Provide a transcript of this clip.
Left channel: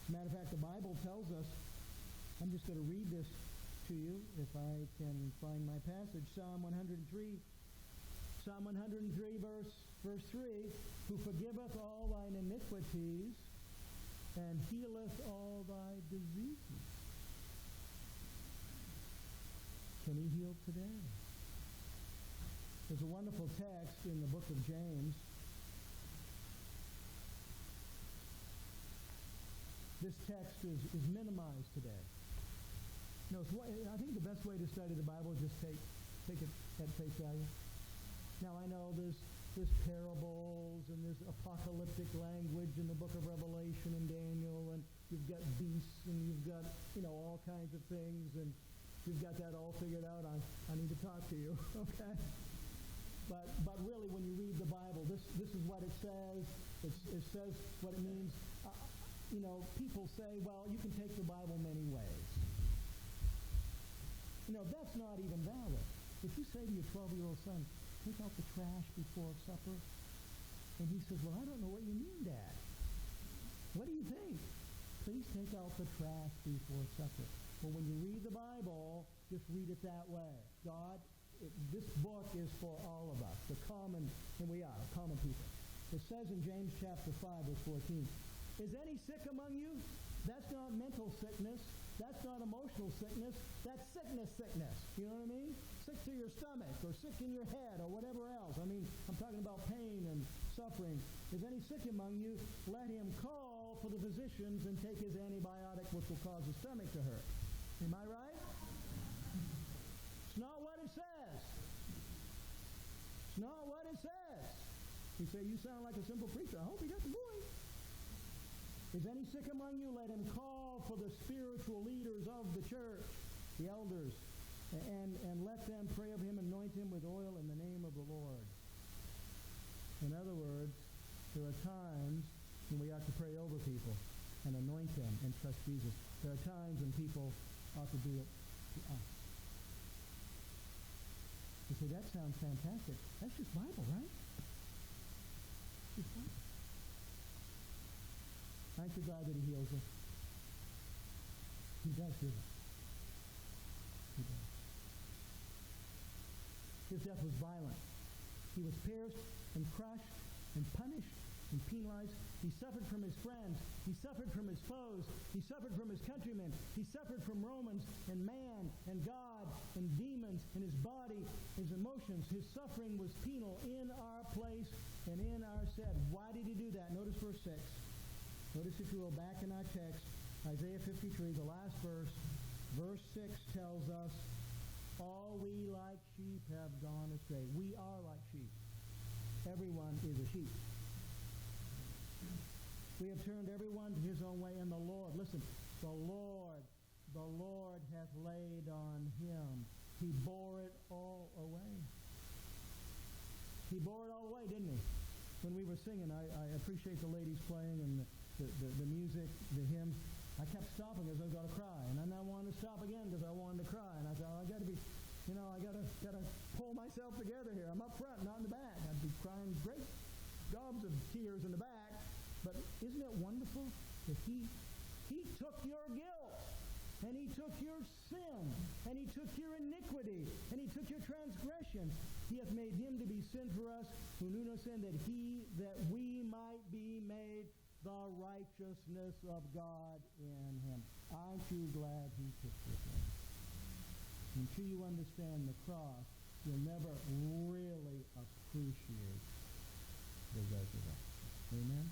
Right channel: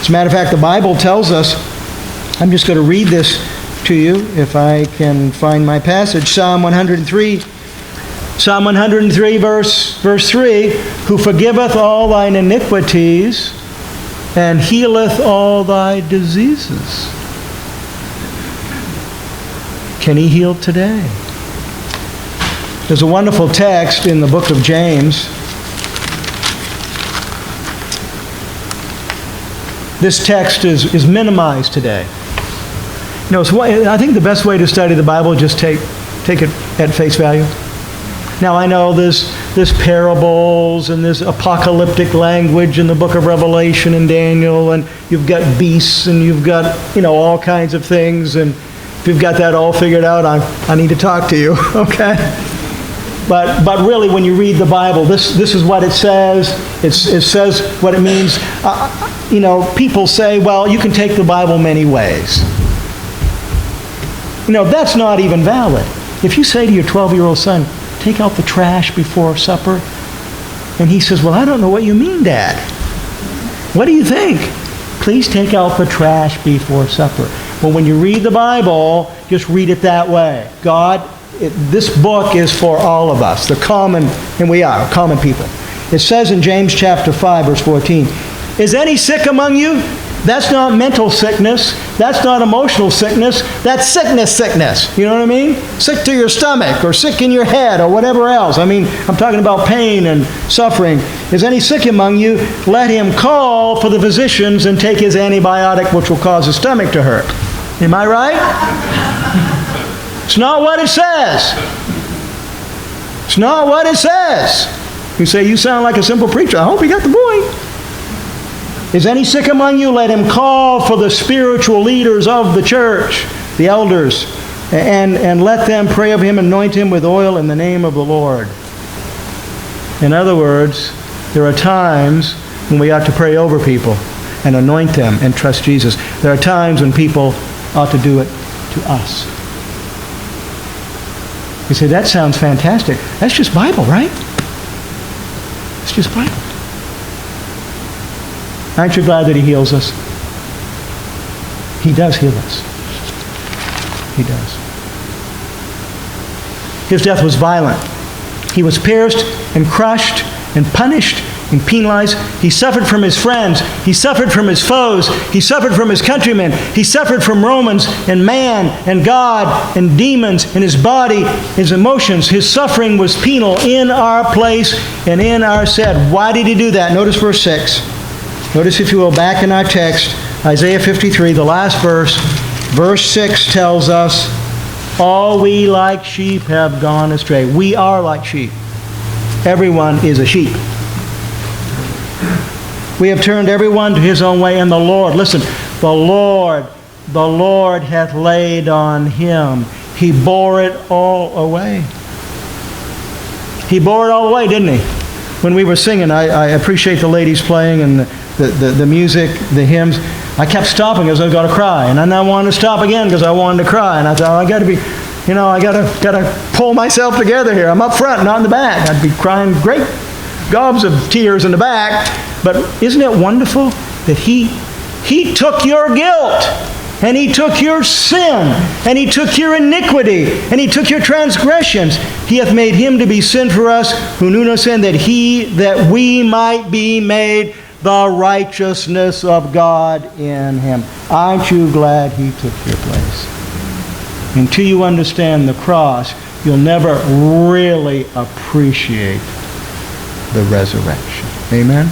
As a matter of fact, the Bible tells us, I'm just going to read this to you if I can find my passage. Psalm 103, verse 3, who forgiveth all thine iniquities and healeth all thy diseases. Can he heal today? There's a wonderful text in the book of James. This text is minimized today. You know, so I think the best way to study the Bible is just take it at face value. Now, I know there's parables and there's apocalyptic language in the book of Revelation and Daniel, and you've got beasts and you've got, all kinds of things, and if you've got that all figured out, I need to talk to you, okay? But really, when you read the Bible, this is what it says. It says what it means. People say, well, you can take the Bible many ways. That's not even valid. If you say to your 12-year-old son, take out the trash before supper, and he says, well, I don't know what you mean, Dad. What do you think? Please take out the trash before supper. Well, when you read the Bible, just read it that way. This book is for all of us, the common, and we are common people. It says in James chapter 5, verse 14, is any sick among you? That's not mental sickness. That's not emotional sickness. That's sickness. You know what I mean? Sick to your stomach or sick in your head or whatever else. I'm talking about pain and suffering. Is any sick among you? Let him call for the physicians and take his antibiotic, which will cause his stomach to hurt. Am I right? It's not what it says. It's not what it says. You say, you sound like a simple preacher. I hope you got the point. Is any sick among you? Let him call for the spiritual leaders of the church, the elders, and let them pray of him, anoint him with oil in the name of the Lord. In other words, there are times when we ought to pray over people and anoint them and trust Jesus. There are times when people ought to do it to us. You say, that sounds fantastic. That's just Bible, right? It's just Bible. Aren't you glad that he heals us? He does heal us. He does. His death was violent. He was pierced and crushed and punished and penalized. He suffered from his friends. He suffered from his foes. He suffered from his countrymen. He suffered from Romans and man and God and demons and his body, his emotions. His suffering was penal in our place and in our stead. Why did he do that? Notice verse 6. Notice, if you will, back in our text, Isaiah 53, the last verse. Verse 6 tells us, all we like sheep have gone astray. We are like sheep. Everyone is a sheep. We have turned everyone to his own way, and the Lord, listen, the Lord hath laid on him. He bore it all away. He bore it all away, didn't he? When we were singing, I appreciate the ladies playing and the music, the hymns. I kept stopping because I was going to cry, and then I wanted to stop again because I wanted to cry, and I thought, I got to be, I got to pull myself together here. I'm up front, not in the back. I'd be crying great gobs of tears in the back. But isn't it wonderful that he took your guilt, and he took your sin, and he took your iniquity, and he took your transgressions. He hath made him to be sin for us who knew no sin, that we might be made the righteousness of God in him. Aren't you glad he took your place? Until you understand the cross, you'll never really appreciate the resurrection. Amen?